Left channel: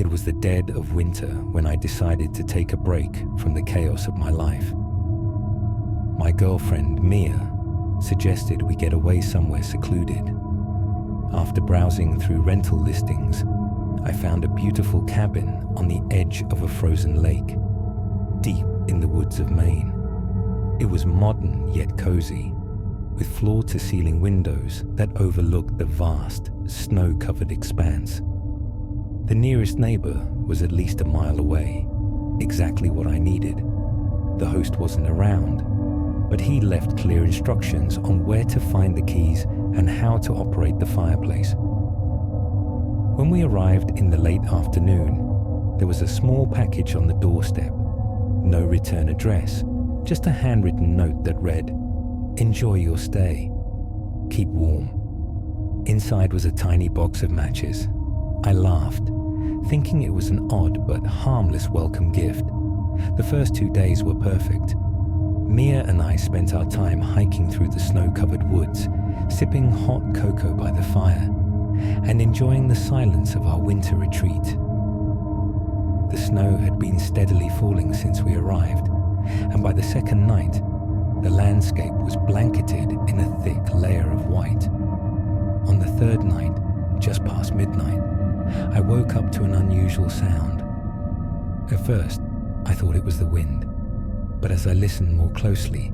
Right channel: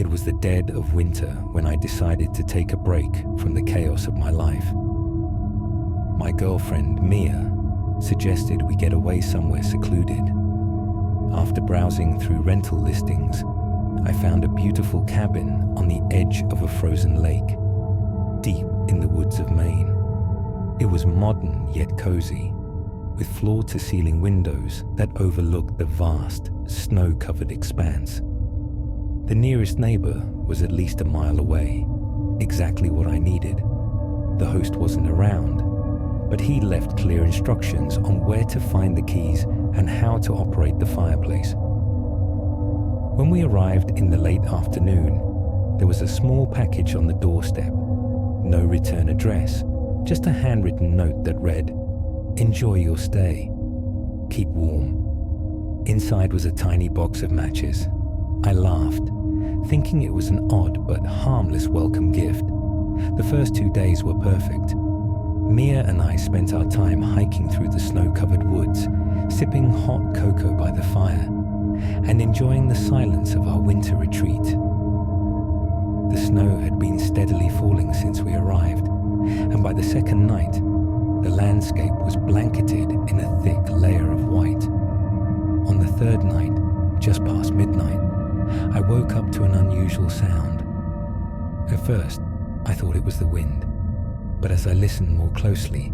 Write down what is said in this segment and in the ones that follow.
It was the dead of winter when I decided to take a break from the chaos of my life. My girlfriend, Mia, suggested we get away somewhere secluded. After browsing through rental listings, I found a beautiful cabin on the edge of a frozen lake, deep in the woods of Maine. It was modern yet cozy, with floor-to-ceiling windows that overlooked the vast, snow-covered expanse. The nearest neighbor was at least a mile away, exactly what I needed. The host wasn't around, but he left clear instructions on where to find the keys and how to operate the fireplace. When we arrived in the late afternoon, there was a small package on the doorstep. No return address, just a handwritten note that read, "Enjoy your stay. Keep warm." Inside was a tiny box of matches. I laughed, thinking it was an odd but harmless welcome gift. The first 2 days were perfect. Mia and I spent our time hiking through the snow-covered woods, sipping hot cocoa by the fire, and enjoying the silence of our winter retreat. The snow had been steadily falling since we arrived, and by the second night, the landscape was blanketed in a thick layer of white. On the third night, just past midnight, I woke up to an unusual sound. At first, I thought it was the wind, but as I listened more closely,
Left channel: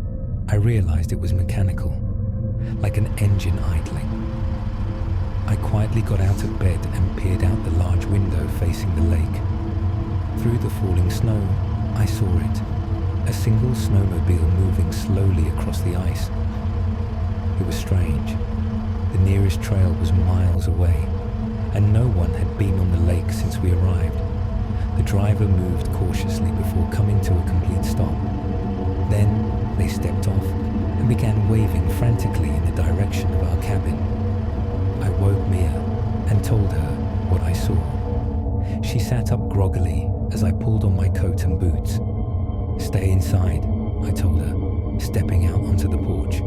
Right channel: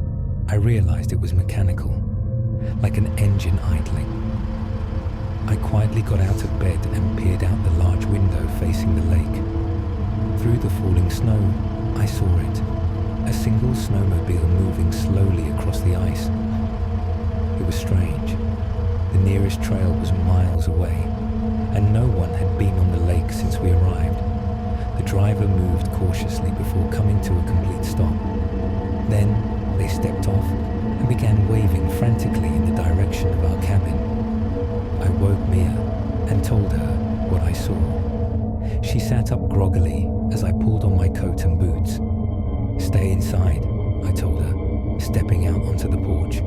I realized it was mechanical, like an engine idling. I quietly got out of bed and peered out the large window facing the lake. Through the falling snow, I saw it, a single snowmobile moving slowly across the ice. It was strange. The nearest trail was miles away, and no one had been on the lake since we arrived. The driver moved cautiously before coming to a complete stop. Then they stepped off and began waving frantically in the direction of our cabin. I woke Mia and told her what I saw. She sat up groggily as I pulled on my coat and boots. "Stay inside," I told her, stepping out onto the porch.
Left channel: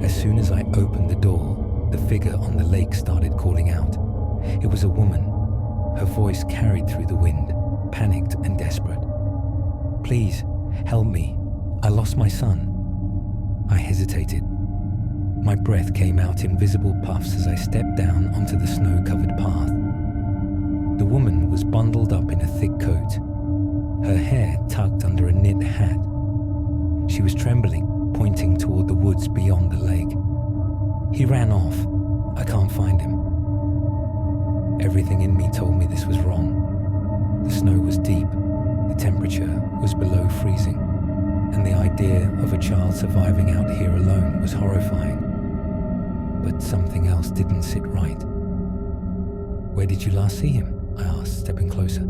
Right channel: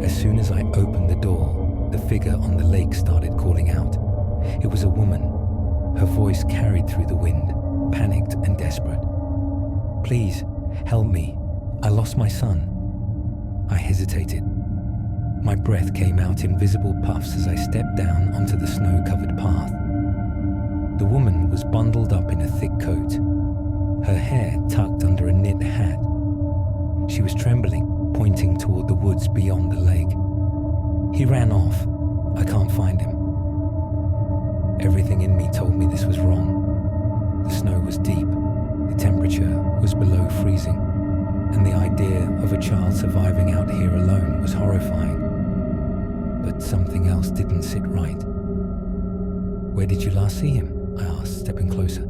As soon as I opened the door, the figure on the lake started calling out. It was a woman. Her voice carried through the wind, panicked and desperate. "Please, help me. I lost my son." I hesitated. My breath came out in visible puffs as I stepped down onto the snow-covered path. The woman was bundled up in a thick coat, her hair tucked under a knit hat. She was trembling, pointing toward the woods beyond the lake. "He ran off. I can't find him." Everything in me told me this was wrong. The snow was deep, the temperature was below freezing, and the idea of a child surviving out here alone was horrifying. But something else didn't sit right. "Where did you last see him?" I asked, stepping closer.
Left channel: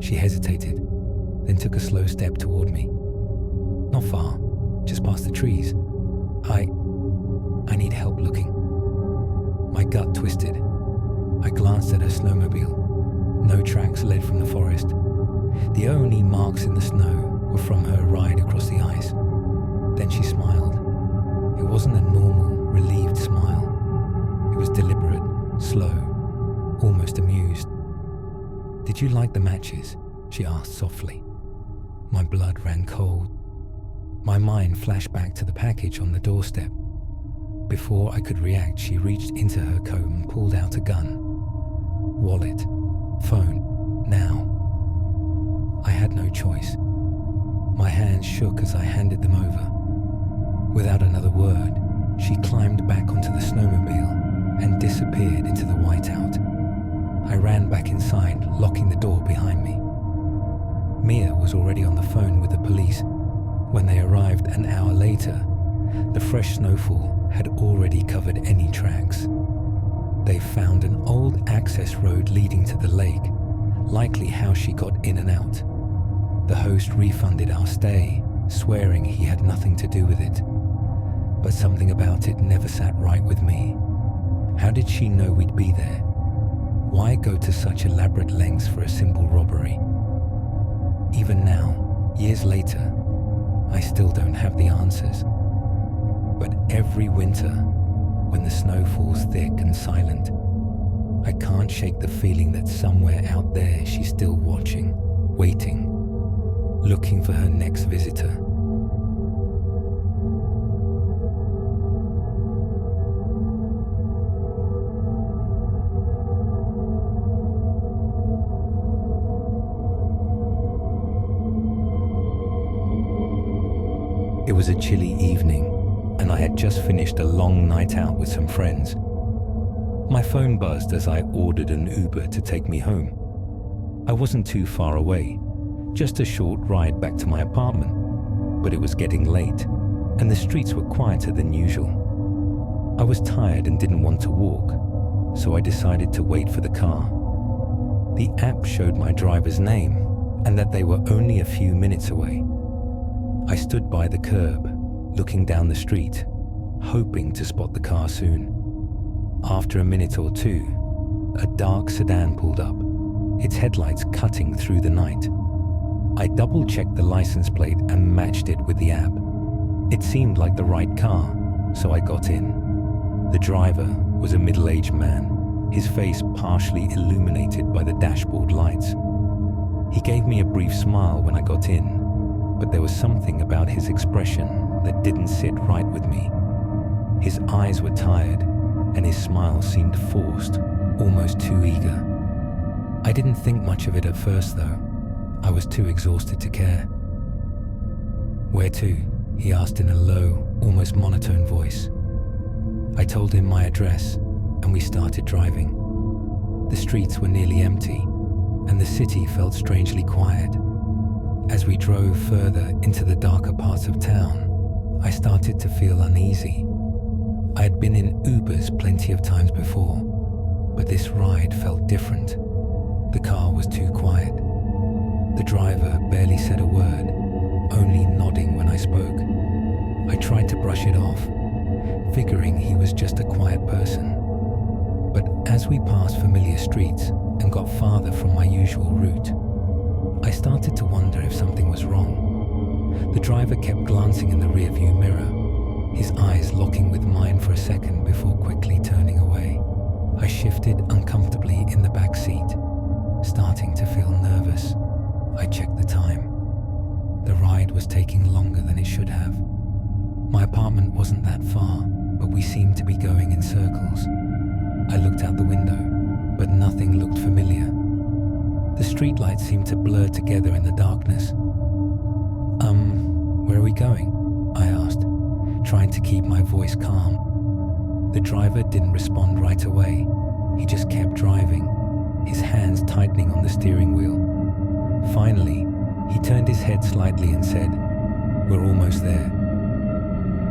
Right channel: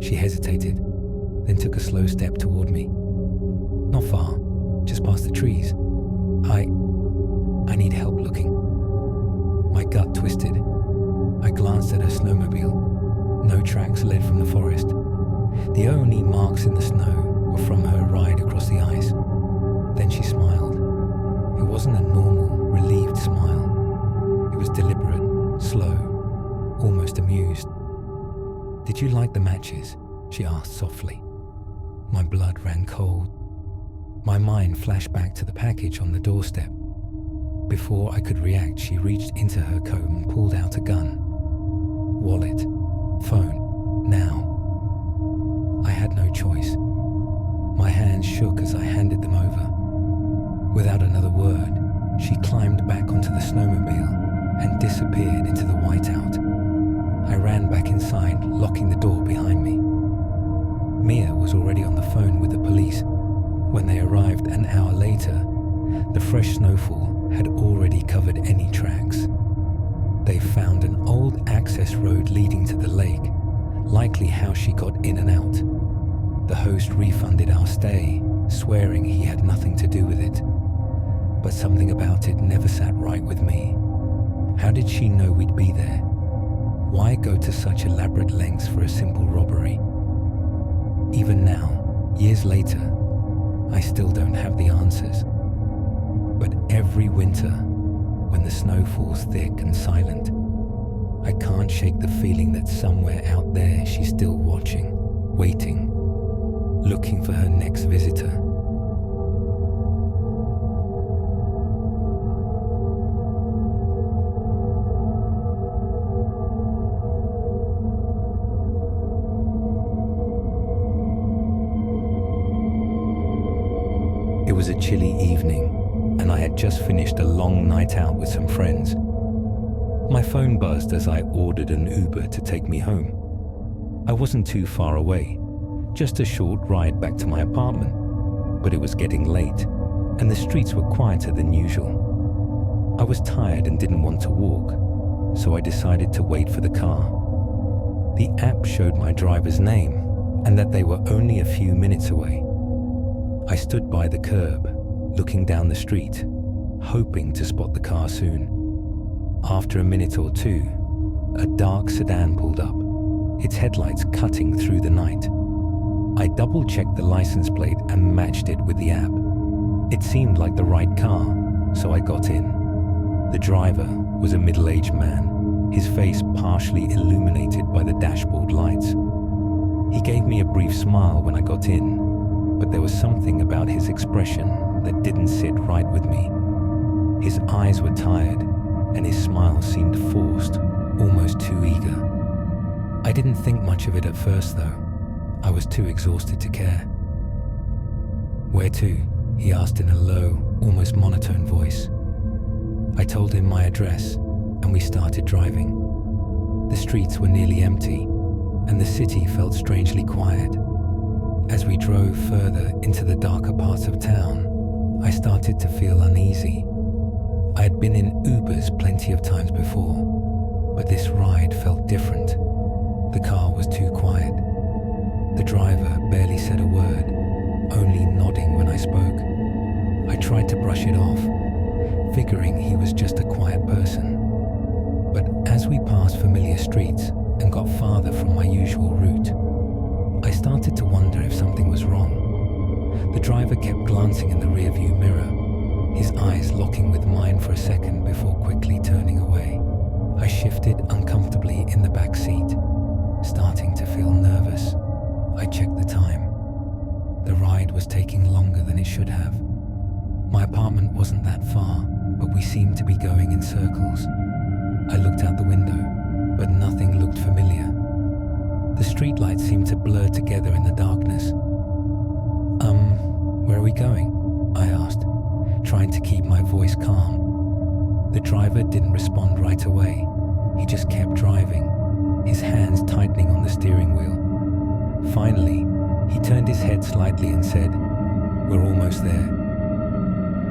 She hesitated, then took a slow step toward me. "Not far, just past the trees. I need help looking." My gut twisted. I glanced at her snowmobile. No tracks led from the forest. The only marks in the snow were from her ride across the ice. Then she smiled. It wasn't a normal, relieved smile. It was deliberate, slow, almost amused. "Did you light the matches?" she asked softly. My blood ran cold. My mind flashed back to the package on the doorstep. Before I could react, she reached into her coat and pulled out a gun. Wallet, phone, now. I had no choice. My hands shook as I handed them over. Without another word, she climbed back onto the snowmobile and disappeared into the whiteout. I ran back inside, locking the door behind me. Mia was already on the phone with the police. When they arrived an hour later, the fresh snowfall had already covered any tracks. They found an old access road leading to the lake, likely how she got in and out. The host refunded our stay, swearing he had nothing to do with it. But something about it never sat right with me. How did she know we'd be there? Why go to such elaborate lengths for a simple robbery? Even now, years later, I still don't have the answers. But every winter, when the snow falls thick and silent, I can't shake the feeling that somewhere out there she's still watching, waiting, looking for her next visitor. It was a chilly evening, and I had just finished a long night out with some friends. My phone buzzed as I ordered an Uber to take me home. I wasn't too far away, just a short ride back to my apartment, but it was getting late, and the streets were quieter than usual. I was tired and didn't want to walk, so I decided to wait for the car. The app showed my driver's name and that they were only a few minutes away. I stood by the curb, looking down the street, hoping to spot the car soon. After a minute or two, a dark sedan pulled up, its headlights cutting through the night. I double-checked the license plate and matched it with the app. It seemed like the right car, so I got in. The driver was a middle-aged man, his face partially illuminated by the dashboard lights. He gave me a brief smile when I got in, but there was something about his expression that didn't sit right with me. His eyes were tired, and his smile seemed forced, almost too eager. I didn't think much of it at first, though. I was too exhausted to care. "Where to?" he asked in a low, almost monotone voice. I told him my address, and we started driving. The streets were nearly empty, and the city felt strangely quiet. As we drove further into the darker parts of town, I started to feel uneasy. I had been in Ubers plenty of times before, but this ride felt different. The car was too quiet. The driver barely said a word, only nodding when I spoke. I tried to brush it off, figuring he was just a quiet person. But as we passed familiar streets and got farther from my usual route, I started to wonder if something was wrong. The driver kept glancing in the rearview mirror, his eyes locking with mine for a second before quickly turning away. I shifted uncomfortably in the back seat, starting to feel nervous. I checked the time. The ride was taking longer than it should have. My apartment wasn't that far, but we seemed to be going in circles. I looked out the window, but nothing looked familiar. The streetlights seemed to blur together in the darkness. Where are we going?" I asked, trying to keep my voice calm. The driver didn't respond right away. He just kept driving, his hands tightening on the steering wheel. Finally, he turned his head slightly and said, "We're almost there."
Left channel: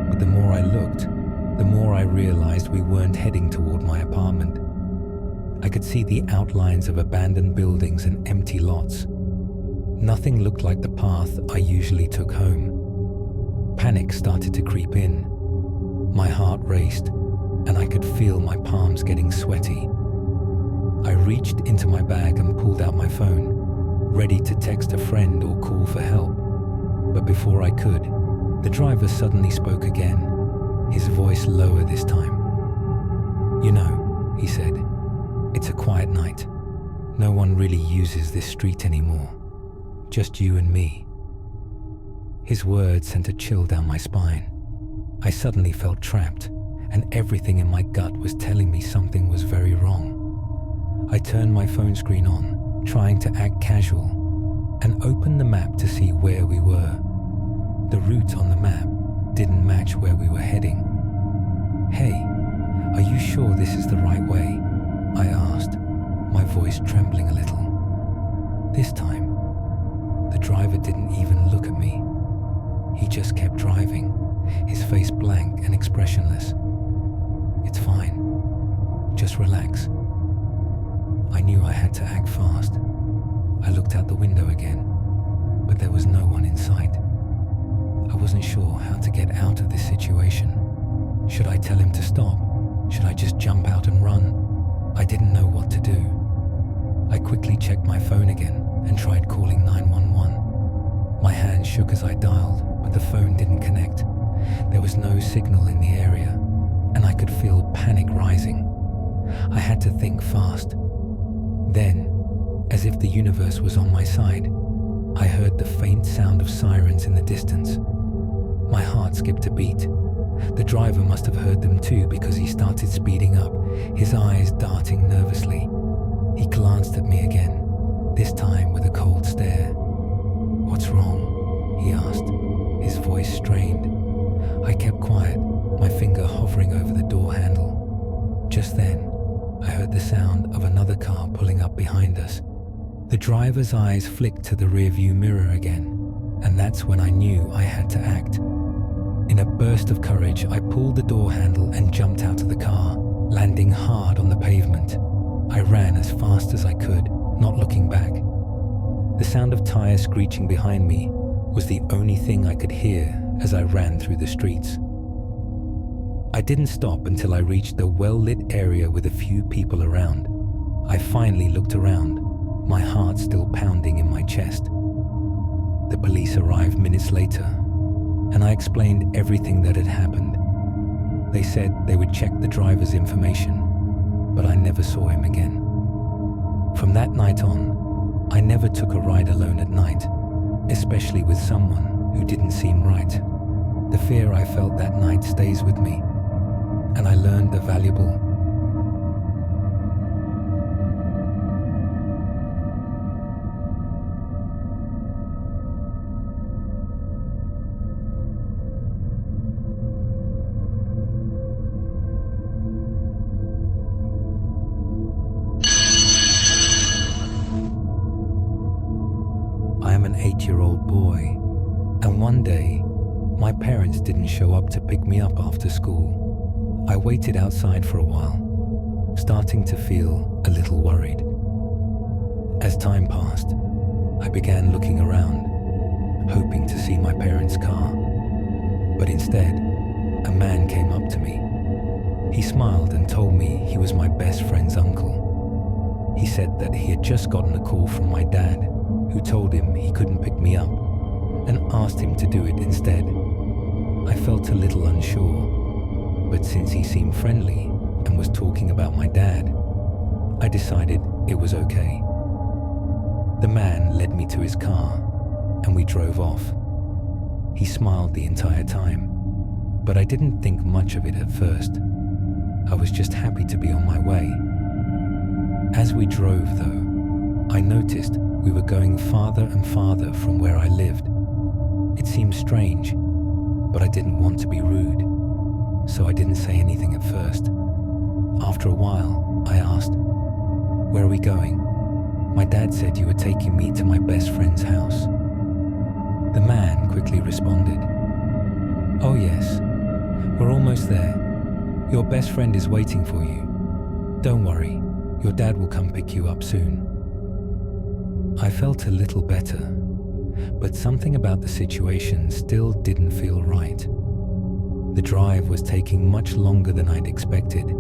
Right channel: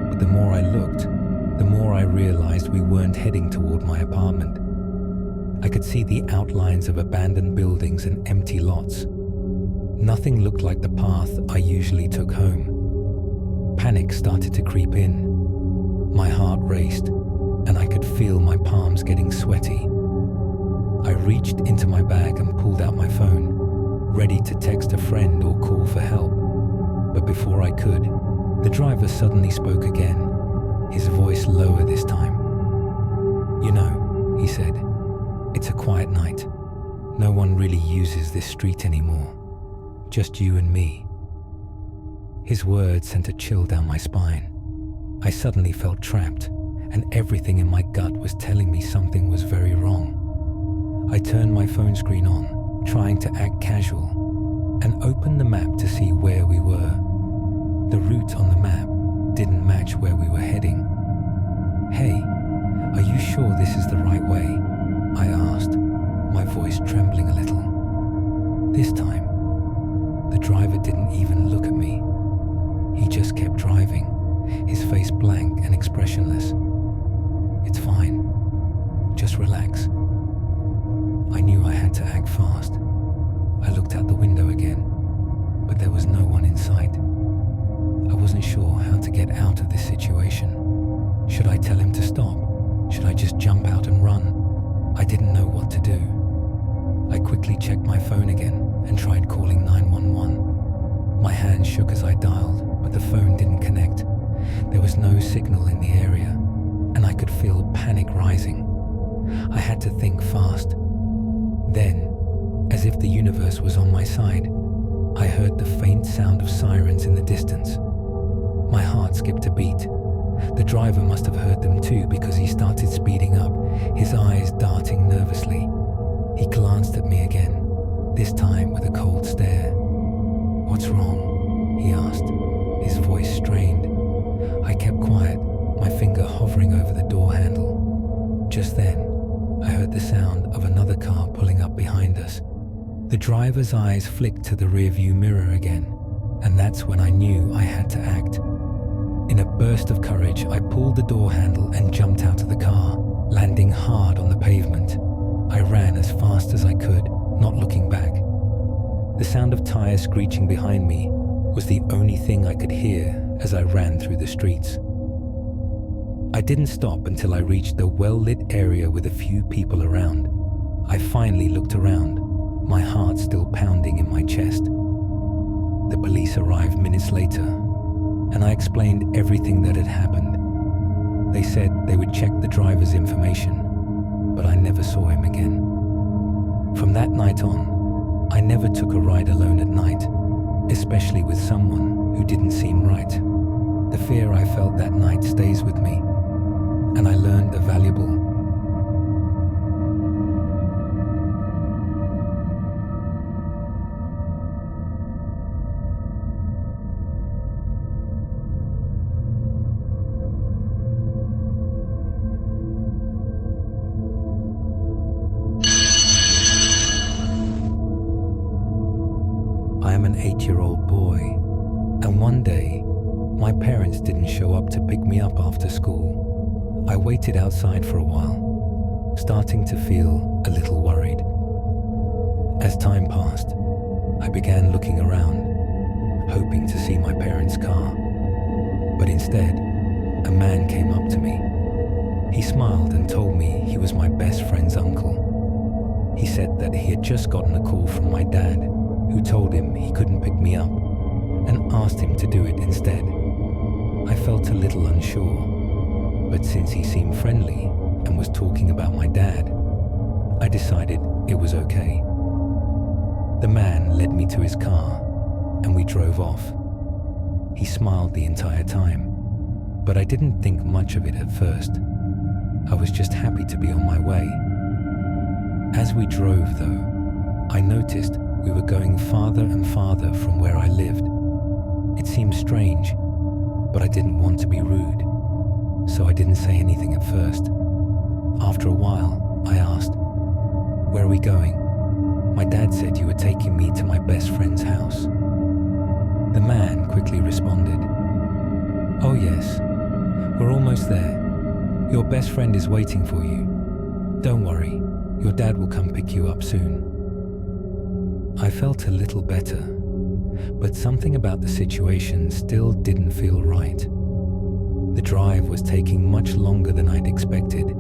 But the more I looked, the more I realized we weren't heading toward my apartment. I could see the outlines of abandoned buildings and empty lots. Nothing looked like the path I usually took home. Panic started to creep in. My heart raced, and I could feel my palms getting sweaty. I reached into my bag and pulled out my phone, ready to text a friend or call for help. But before I could, the driver suddenly spoke again, his voice lower this time. "You know," he said, "it's a quiet night. No one really uses this street anymore. Just you and me." His words sent a chill down my spine. I suddenly felt trapped, and everything in my gut was telling me something was very wrong. I turned my phone screen on, trying to act casual, and opened the map to see where we were. The route on the map didn't match where we were heading. "Hey, are you sure this is the right way?" I asked, my voice trembling a little. This time, the driver didn't even look at me. He just kept driving, his face blank and expressionless. "It's fine. Just relax." I knew I had to act fast. I looked out the window again, but there was no one in sight. I wasn't sure how to get out of this situation. Should I tell him to stop? Should I just jump out and run? I didn't know what to do. I quickly checked my phone again and tried calling 911. My hands shook as I dialed, but the phone didn't connect. There was no signal in the area, and I could feel panic rising. I had to think fast. Then, as if the universe was on my side, I heard the faint sound of sirens in the distance. My heart skipped a beat. The driver must have heard them too, because he started speeding up, his eyes darting nervously. He glanced at me again, this time with a cold stare. "What's wrong?" he asked, his voice strained. I kept quiet, my finger hovering over the door handle. Just then, I heard the sound of another car pulling up behind us. The driver's eyes flicked to the rearview mirror again, and that's when I knew I had to act. In a burst of courage, I pulled the door handle and jumped out of the car, landing hard on the pavement. I ran as fast as I could, not looking back. The sound of tires screeching behind me was the only thing I could hear as I ran through the streets. I didn't stop until I reached a well-lit area with a few people around. I finally looked around, my heart still pounding in my chest. The police arrived minutes later, and I explained everything that had happened. They said they would check the driver's information, but I never saw him again. From that night on, I never took a ride alone at night, especially with someone who didn't seem right. The fear I felt that night stays with me, and I learned a valuable I am an 8-year-old boy, and one day, my parents didn't show up to pick me up after school. I waited outside for a while, starting to feel a little worried. As time passed, I began looking around, hoping to see my parents' car. But instead, a man came up to me. He smiled and told me he was my best friend's uncle. He said that he had just gotten a call from my dad, who told him he couldn't pick me up, and asked him to do it instead. I felt a little unsure, but since he seemed friendly and was talking about my dad, I decided it was okay. The man led me to his car, and we drove off. He smiled the entire time, but I didn't think much of it at first. I was just happy to be on my way. As we drove, though, I noticed we were going farther and farther from where I lived. It seemed strange, but I didn't want to be rude, so I didn't say anything at first. After a while, I asked, "Where are we going? My dad said you were taking me to my best friend's house." The man quickly responded, "Oh yes, we're almost there. Your best friend is waiting for you. Don't worry, your dad will come pick you up soon." I felt a little better, but something about the situation still didn't feel right. The drive was taking much longer than I'd expected.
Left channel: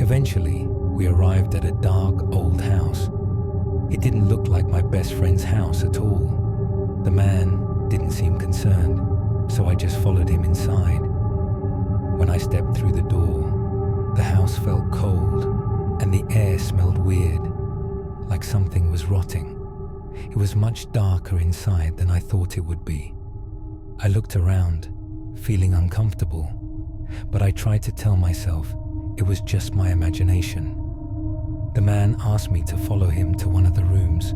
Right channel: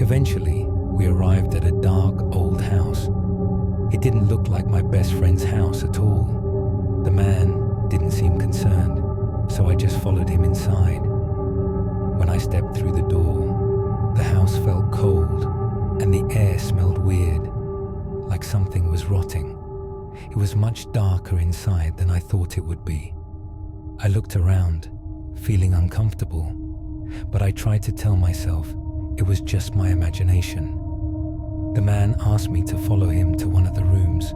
Eventually, we arrived at a dark old house. It didn't look like my best friend's house at all. The man didn't seem concerned, so I just followed him inside. When I stepped through the door, the house felt cold and the air smelled weird, like something was rotting. It was much darker inside than I thought it would be. I looked around, feeling uncomfortable, but I tried to tell myself it was just my imagination. The man asked me to follow him to one of the rooms.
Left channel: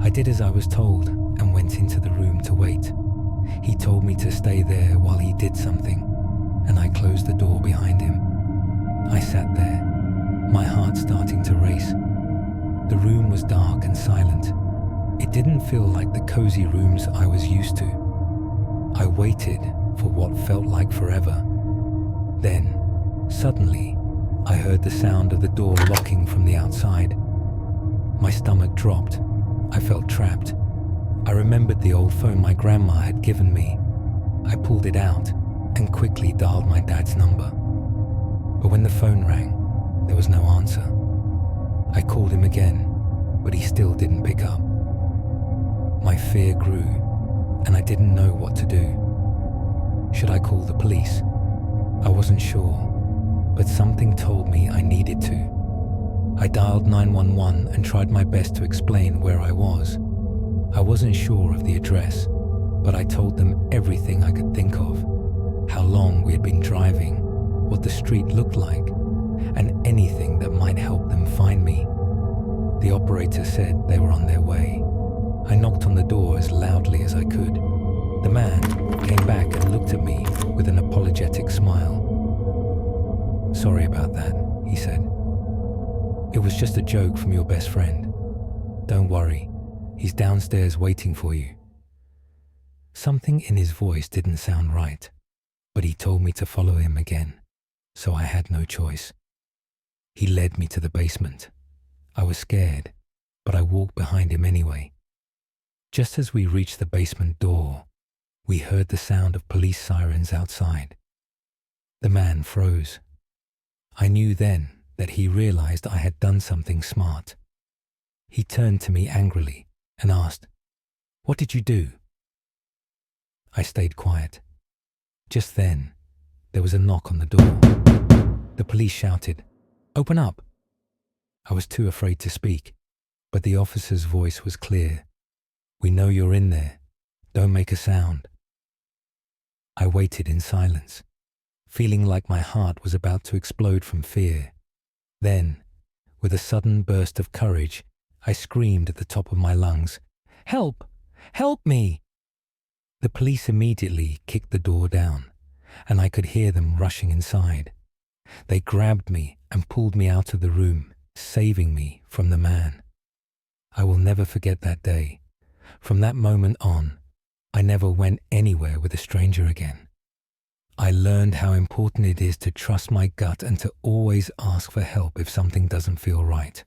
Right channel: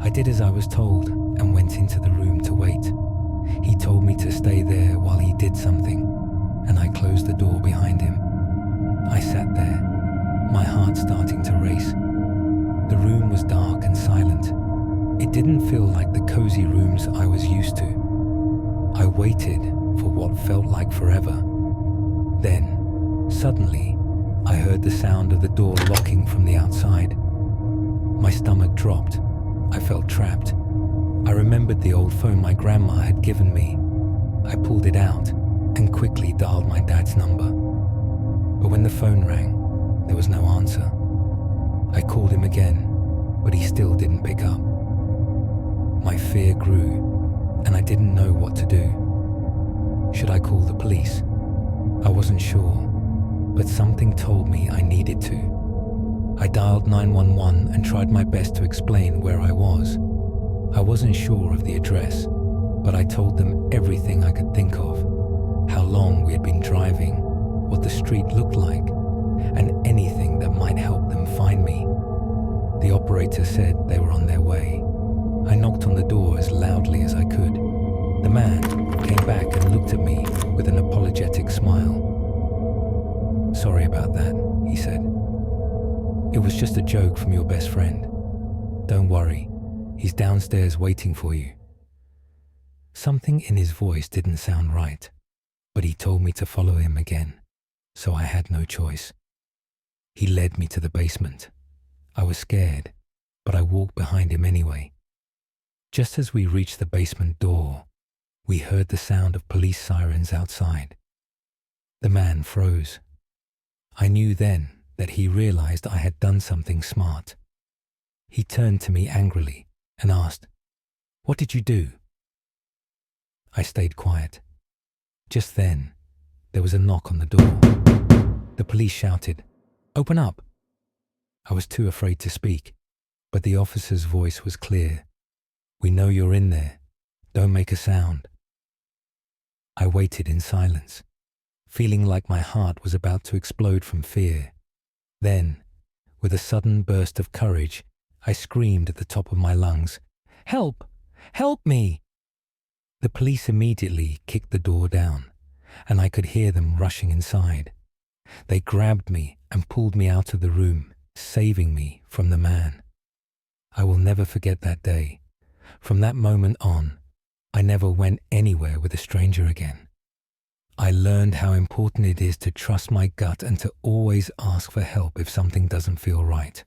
I did as I was told and went into the room to wait. He told me to stay there while he did something, and I closed the door behind him. I sat there, my heart starting to race. The room was dark and silent. It didn't feel like the cozy rooms I was used to. I waited for what felt like forever. Then, suddenly, I heard the sound of the door locking from the outside. My stomach dropped. I felt trapped. I remembered the old phone my grandma had given me. I pulled it out and quickly dialed my dad's number. But when the phone rang, there was no answer. I called him again, but he still didn't pick up. My fear grew, and I didn't know what to do. Should I call the police? I wasn't sure, but something told me I needed to. I dialed 911 and tried my best to explain where I was. I wasn't sure of the address, but I told them everything I could think of, how long we had been driving, what the street looked like, and anything that might help them find me. The operator said they were on their way. I knocked on the door as loudly as I could. The man came back and looked at me with an apologetic smile. "Sorry about that," he said. "It was just a joke from your best friend. Don't worry, he's downstairs waiting for you." Something in his voice didn't sound right, but he told me to follow him again, so I had no choice. He led me to the basement. I was scared, but I walked behind him anyway. Just as we reached the basement door, we heard the sound of police sirens outside. The man froze. I knew then that he realized I had done something smart. He turned to me angrily and asked, "What did you do?" I stayed quiet. Just then, there was a knock on the door. The police shouted, "Open up!" I was too afraid to speak, but the officer's voice was clear. "We know you're in there. Don't make a sound." I waited in silence, feeling like my heart was about to explode from fear. Then, with a sudden burst of courage, I screamed at the top of my lungs, "Help! Help me!" The police immediately kicked the door down, and I could hear them rushing inside. They grabbed me and pulled me out of the room, saving me from the man. I will never forget that day. From that moment on, I never went anywhere with a stranger again. I learned how important it is to trust my gut and to always ask for help if something doesn't feel right.